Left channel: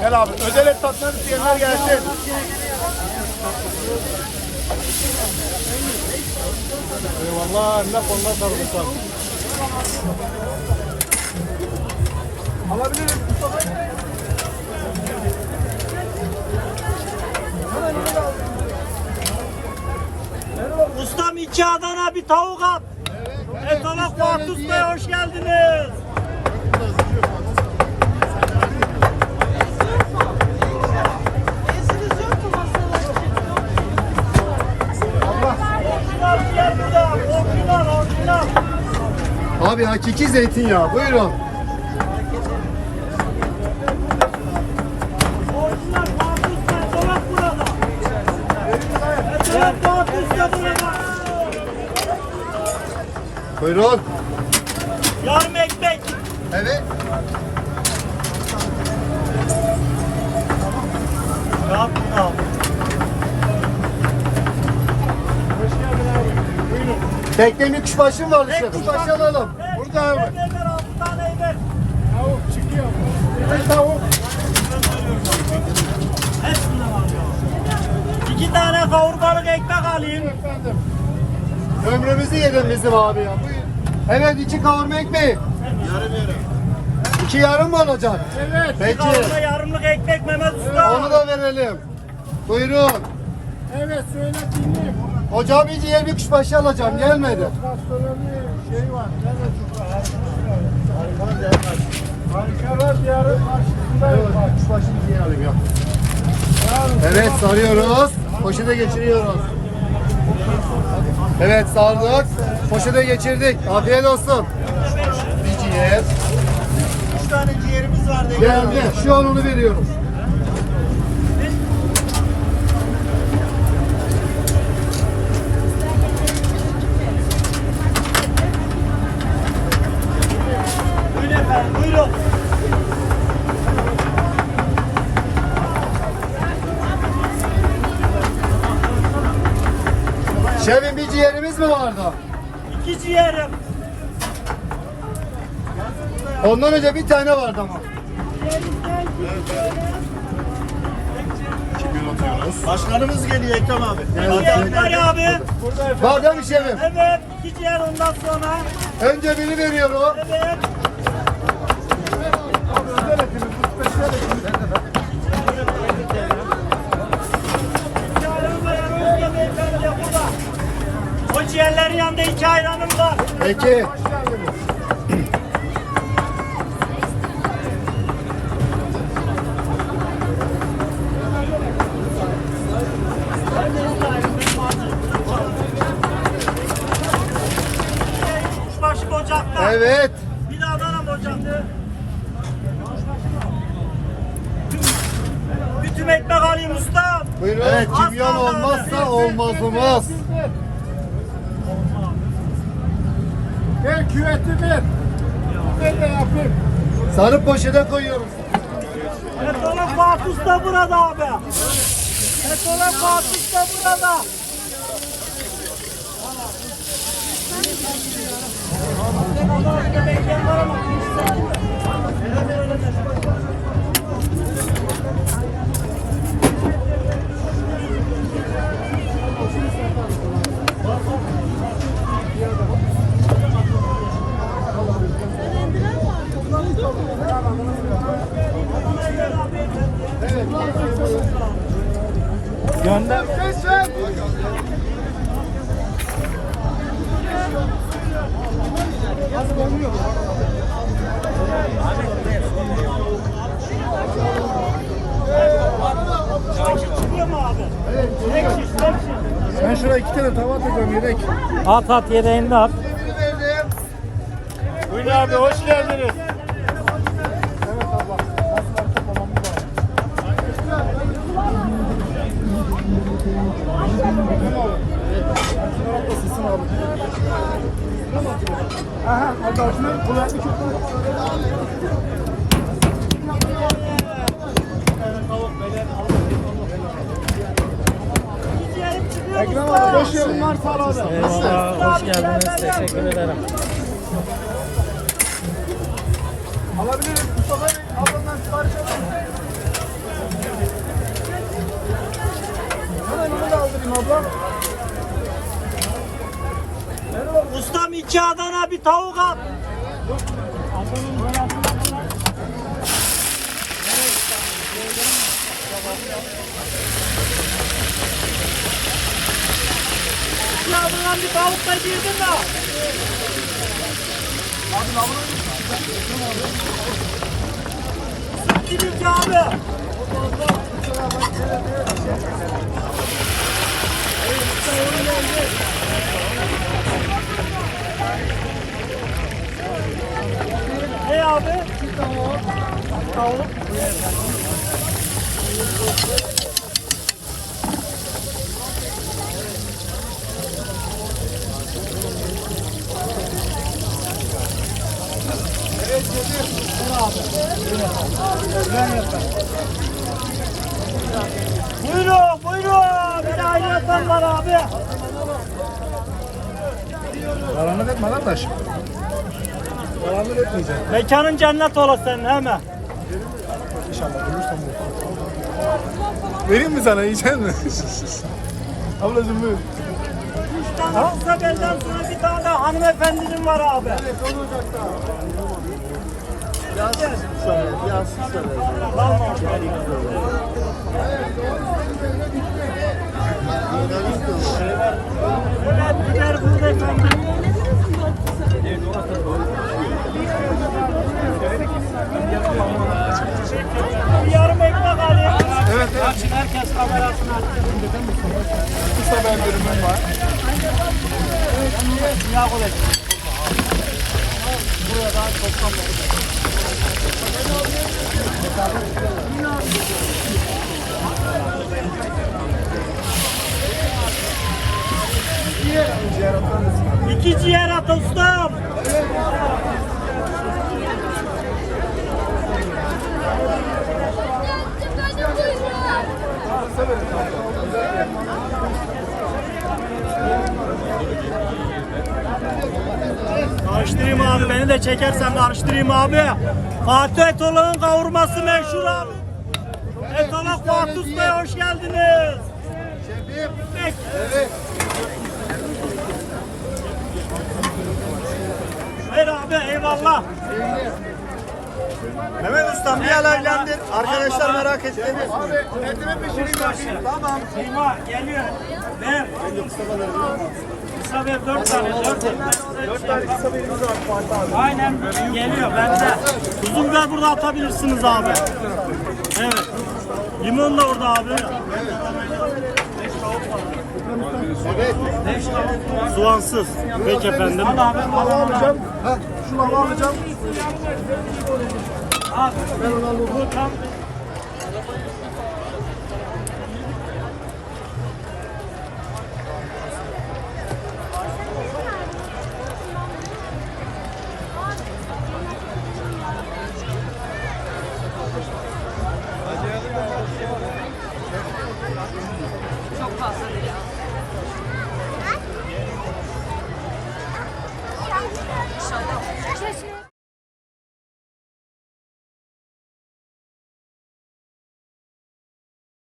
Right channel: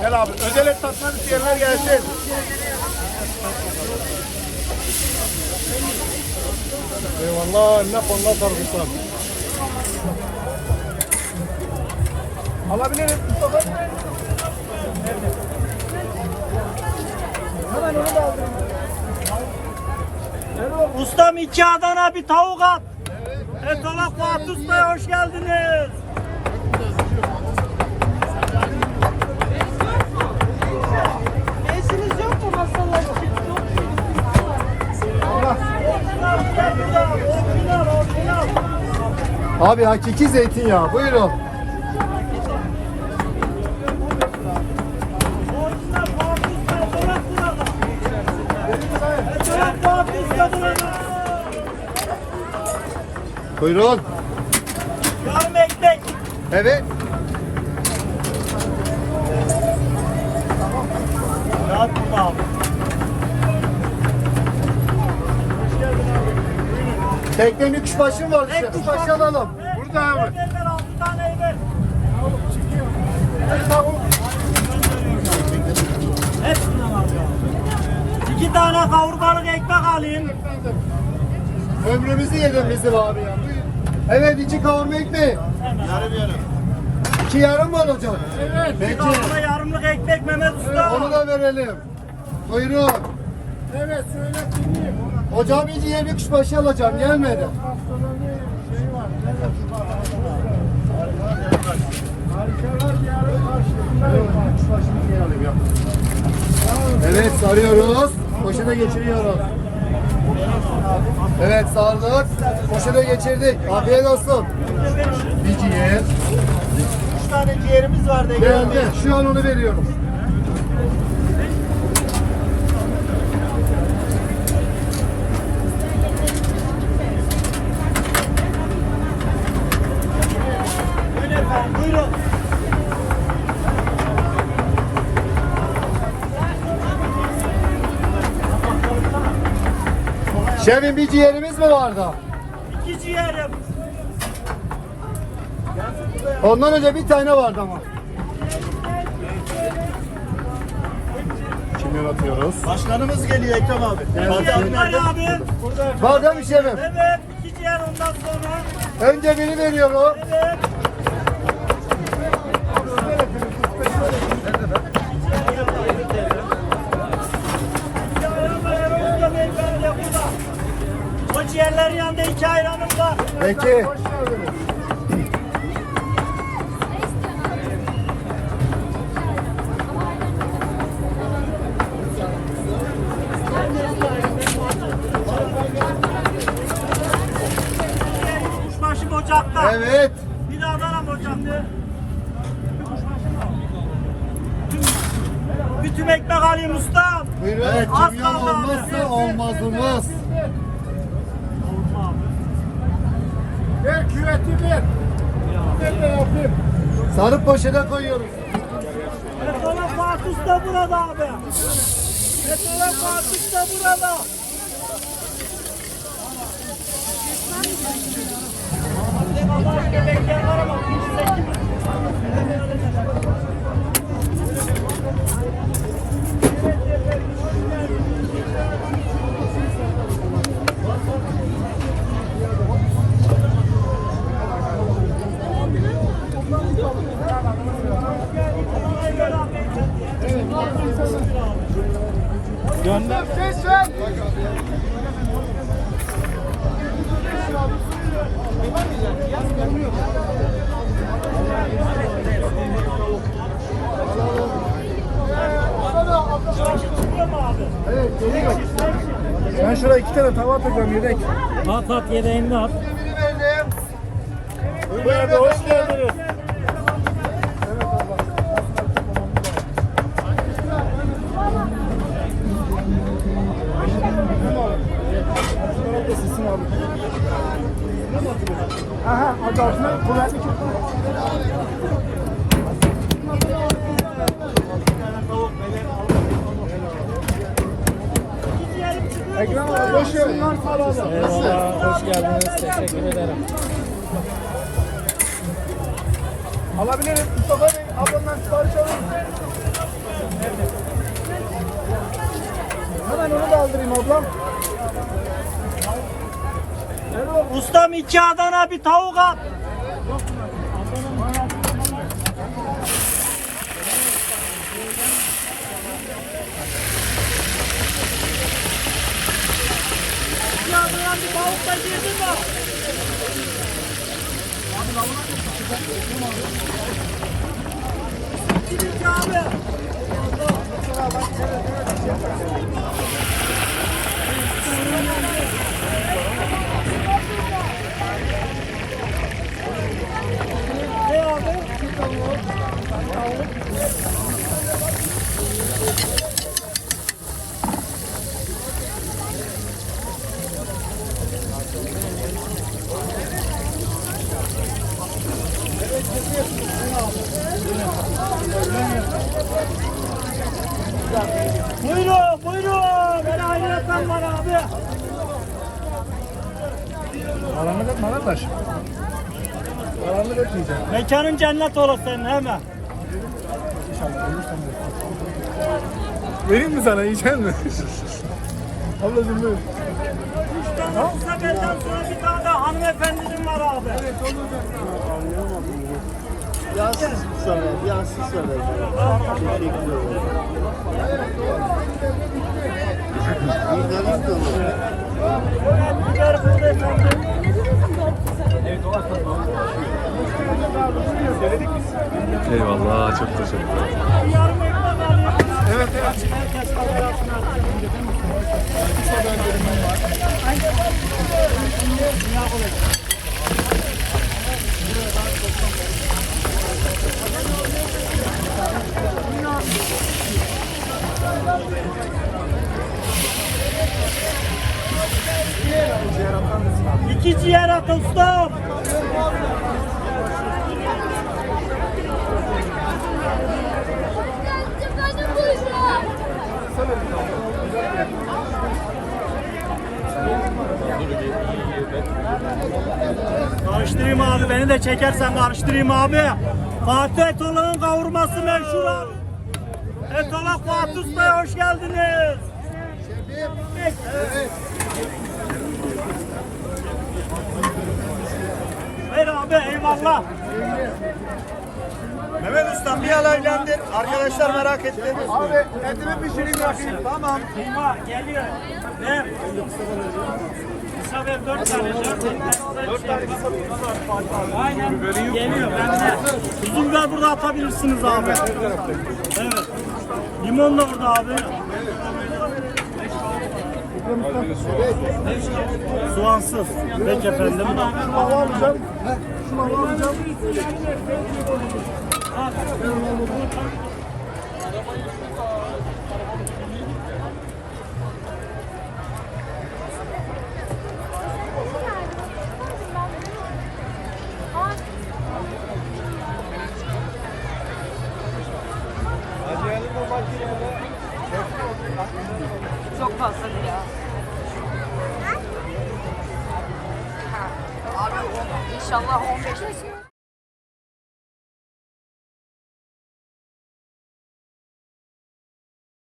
Gel abi. Özel et tatmak isteyenler gelsin. Eyvallah. Ne konuda kalırsan. Alabilirim. Ustam 2 Adana bir tavuk at. Etolog Fatih Usta'ya hoş geldiniz. Orijinal. Abi hakiki zeytinyağı. Buyurun. Orijinal Fatih Usta, Etolog burada. Etolog Fatih Usta burada. Buyurun. Yarım ekmek. Evet. Rahat burada abi. Teknenin kuşbaşı var işte. Kuşbaşı alalım. Burada abi. Tavuk çıkıyor. Tavuk. Hepsinden var ya. 2 tane kavurmalık ekmek alayım. Ömrümüzü yedin bizim abi ya. Buyur. Evet 2 kavurma ekmeği. Yarım. 2 yarım mı olacak? Evet. Peki. Kavurma yarımlık ekmek Mehmet Usta. Onu da verelim. Buyurun. Evet söyle dinleyeyim. Hocam bir diğer bir kuşbaşı alacağım. Gelmedi. Şey var. Karşılar diyarın karşısındayım. Kuşbaşını diyelim ya. Evet sarıyoruz. Poşete geçiriyoruz. Evet sardık. Poşete geçirdik. Afiyet olsun. Bir ciğer. 3 tane ciğerimiz vardı. Geldi. Şu an onu veriyoruz. Buyurun efendim, buyurun. Şefim bir ciğerimiz mi vardı? 2 ciğerim. Ondan önce bir tane vardı ama. Kimler atıyoruz? Başkanımız geliyor Ekrem abi. Ciğerler abi. Var değil mi şefim? Evet, 2 ciğer ondan sonra. Önce biri veriyorum. Evet. İki ayran var Erol Usta beyefendi de burada. O ciğerlerin yanında 2 ayranım var. Peki. Kuşbaşı ocakta. Evet. Bir de Adana ocakta. Bir tüm ekmek alayım ustam. Buyurun. Evet, kimyon olmazsa olmazımız. Ben küveti ver. Ben de yapayım. Sarı poşete koyuyoruz. Etolog Fatih Usta burada abi. Etolog Fatih Usta burada. Çıkıyor mu abi? Evet, geliyor. Ben şuraya 2 tane tava atacağım yedek. At yedeğini at. Buyurun abi, hoş geldiniz. Evet abla. Aslan toplamamız lazım. Bakın abi. Şu tarafta sısın abi. Aha, hadi aslında kuvvetli çok. Ekrem abi boş yerim var sağ ol abi. Hoş geldiniz. Teşekkür ederim. Alabiliriz Mustafa Bey. Ablamdan sipariş alabiliriz. Ustam 2 Adana bir tavuk at. Ya buna bir tavuk da girdin mi? Girince abi. Ne abi? Tavuk. Buyurun, buyurun. Beni ayrıyeten var abi. Karanlık etme kardeş. Karanlık etmeyeceksin. Mekanın cennet olasın senin hemen. İnşallah ölürsem bu. Vereyim mi sana, yiyecek mi? Ablacığım buyur. 3 tane size benden sonra bir tane de hanımefendinin var abi. Yazsın şu an, yazsın şu an. Evet, biber burada efendim. Eyvallah, çok teşekkür ederim. Bir yarım ekmek alayım. Evet evet. Herkes kamerasını açtı. Kısa ben bölümüm var. Dünya kolay. İki ciğer at ustam. Kısa verin tamam. Güzel bir yer. Karıştırayım abi, beni de çekersen karıştırayım abi. Fatih Etolog'un kavurması meşhur abi. Etolog Fatih Usta'ya hoş geldiniz. Peki. Hayır abi, eyvallah. Mehmet Usta bir alaylandır. Arkadaşlar merak etti. Abi etini pişireyim yapayım. Tamam. Seyma geliyor. Ne? İsa Bey 4 tane. 4 tane. Aynen geliyor bende. Uzun biber burada atabilirsiniz abi. Evet. Limon da orada abi. Soğansız. Peki efendim. Lava alacağım. Şu lava alacağım. Ben onu alayım. İnşallah olacak.